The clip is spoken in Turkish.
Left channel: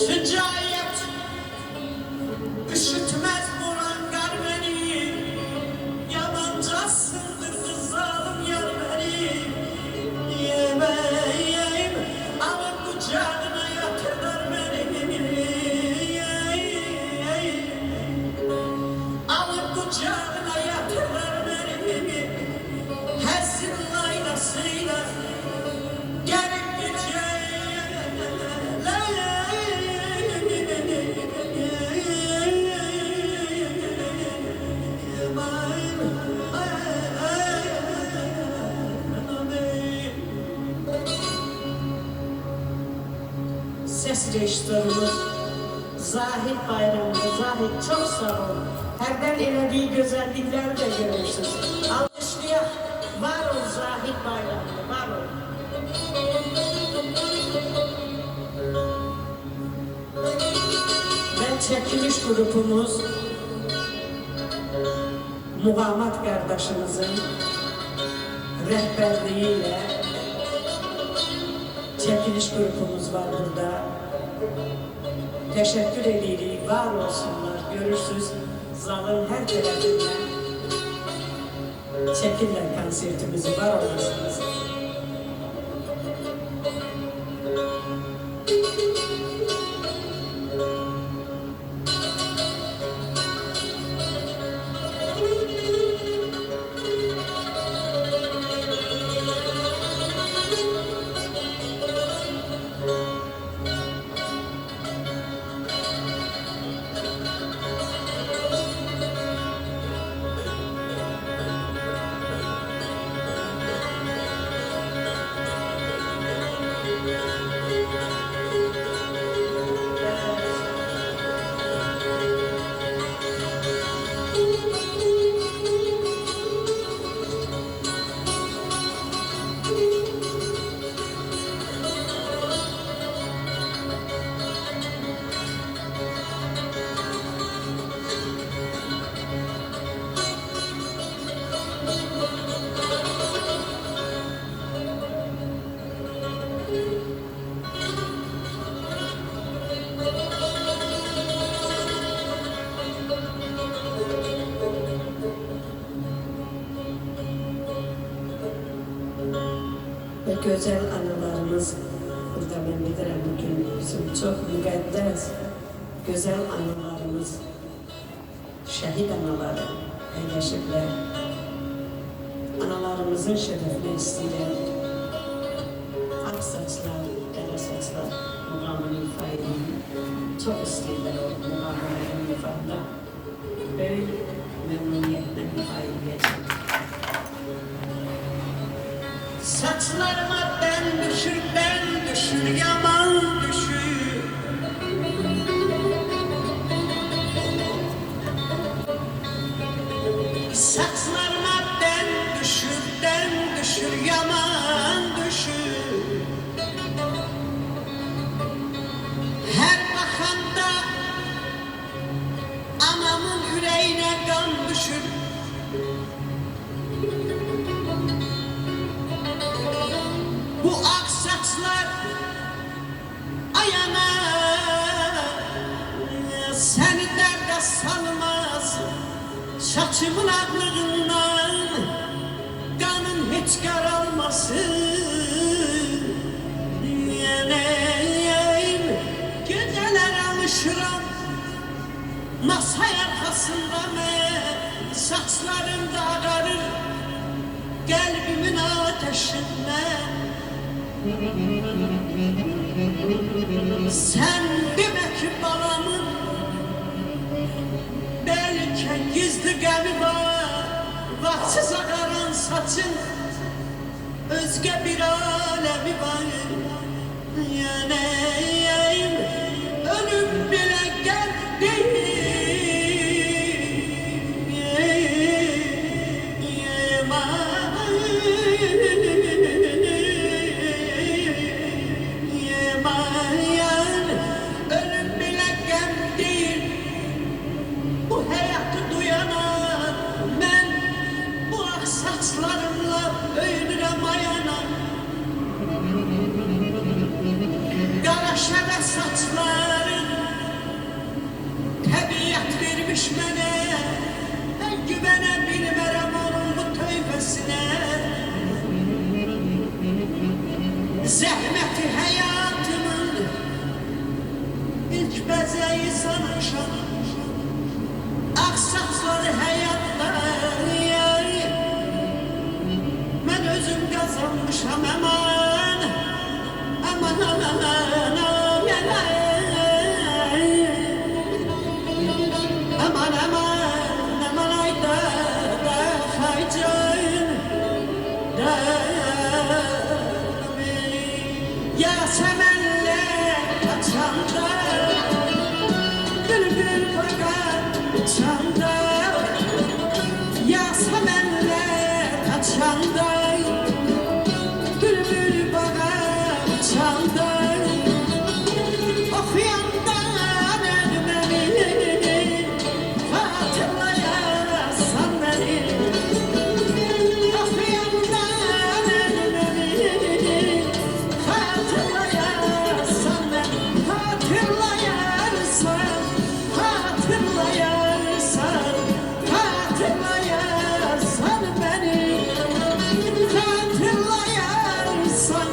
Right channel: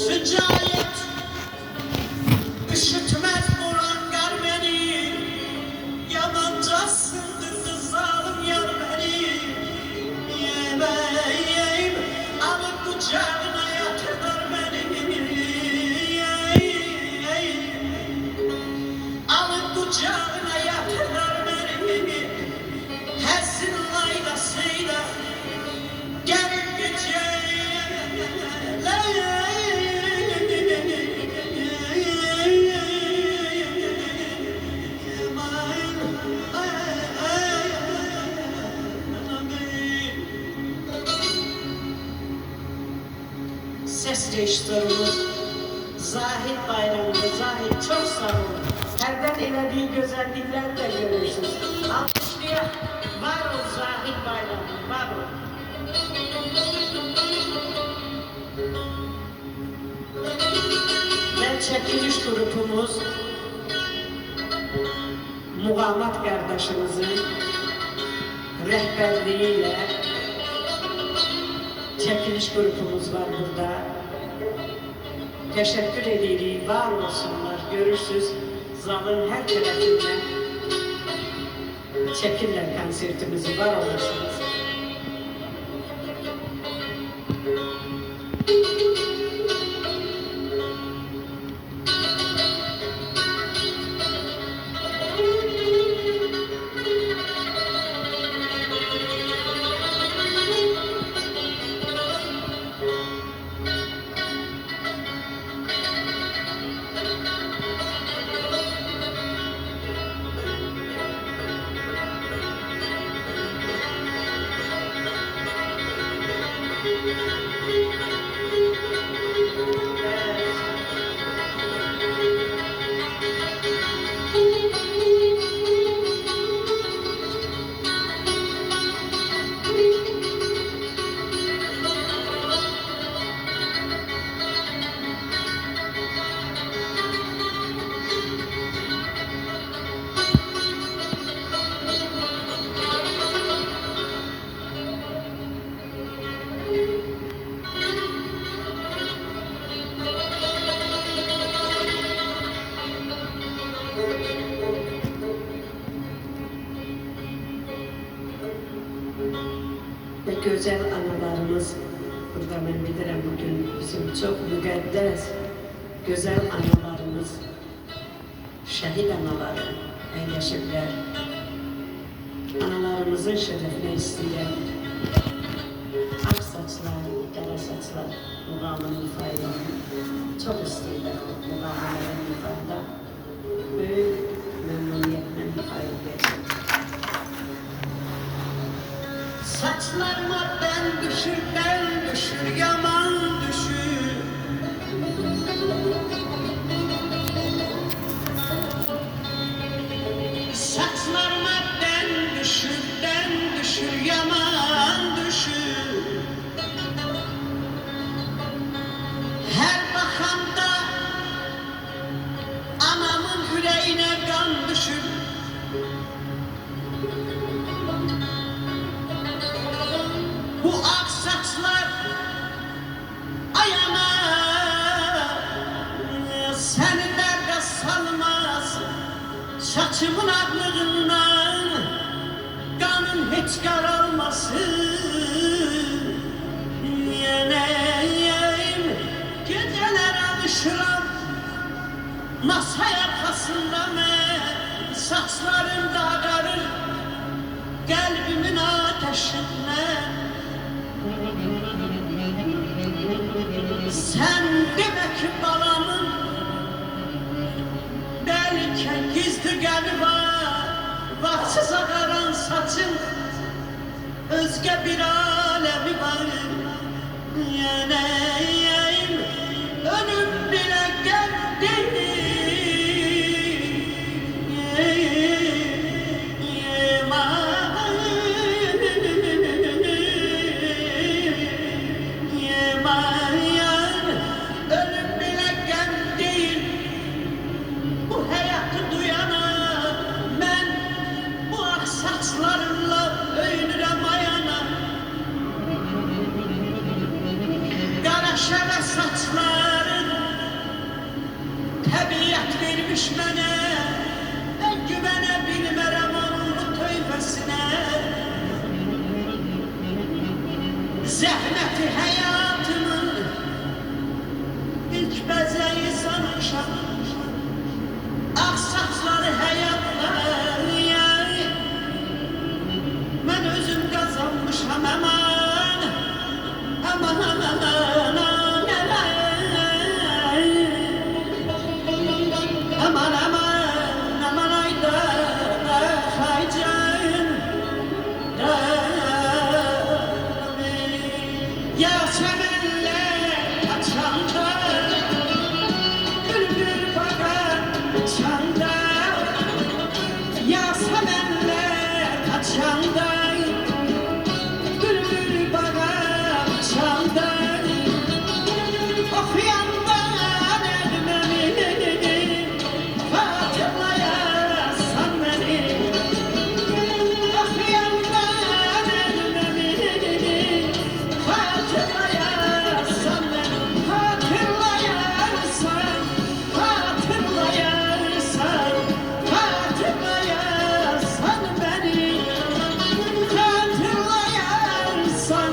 Sıcayet üşütmez bulan gar beni, yamanca sındırdı zalim yar beni. Yemeyim alıp kucağına yatırlar beni. Alıp kucağına yatırlar beni. Hersin laylasıyla gelip gideceğim. Ses rejiströrümüz Zahid Bayramlı. Zahid çok sağ ol. Herden elediği güzellikler de görürsünüz. Alkışlıya var ol Zahid Bayramlı, var ol. Ben çekiliş grubumuz Muhammed kardeşimizin rehberliğiyle çekiliş grubumuz var burada. Teşekkür edirik, var olsunlar. Görürsünüz zalın her tarafından çekirler konsertimizi, var olursunuz. Ve güzel anılarımız burada ben bilirim bugün bizim çok müqəddəs güzel anılarımız, şehit anaları paylaşırlar. Analarımızın şerefine istəyirəm. Ak saçlar, qara saçlar muğamını ifa edin. Çok istəyirlər o muğamını ifada. Böyük memnuniyetle ifa ediləcək. Saçlarıma ben düşür, yaman düşür. Saçlarıma ben düşür, yaman düşür. Her bakanda anamın yüreğine kan düşür. Bu ak saçlar ayağına seni derde salmaz. Saçımın aklından kanın hiç karalmasın. Yeneyim geceler alışıram masa arkasında ben saçlarım da ağarır kalbimin ateşinden. Sen demek balamın belki gizli gani var. Vaksız ağaran saçın özge bir alemi var. Yanayım ölüm bile geldi. Şeref düşmene güvenebilmerem onun bu tövbesine. Zəhməti həyatının ilk bəzəyi sanmışam. Aksaçları həyatları mən özüm qazanmışam. Aman, aman, aman, aman, aman, aman, aman, ayda da haycan da. Yasemenler açanda, bülbül bakar çanda. Yasemenler açanda, bülbül bakar çanda. Okuyandan ölmemi, hatırlayasan beni. Okuyandan ölmemi, hatırlayarsan beni, hatırlayarsan, hatırlayarsan, hatırlayarsan beni, hatırlayarsan.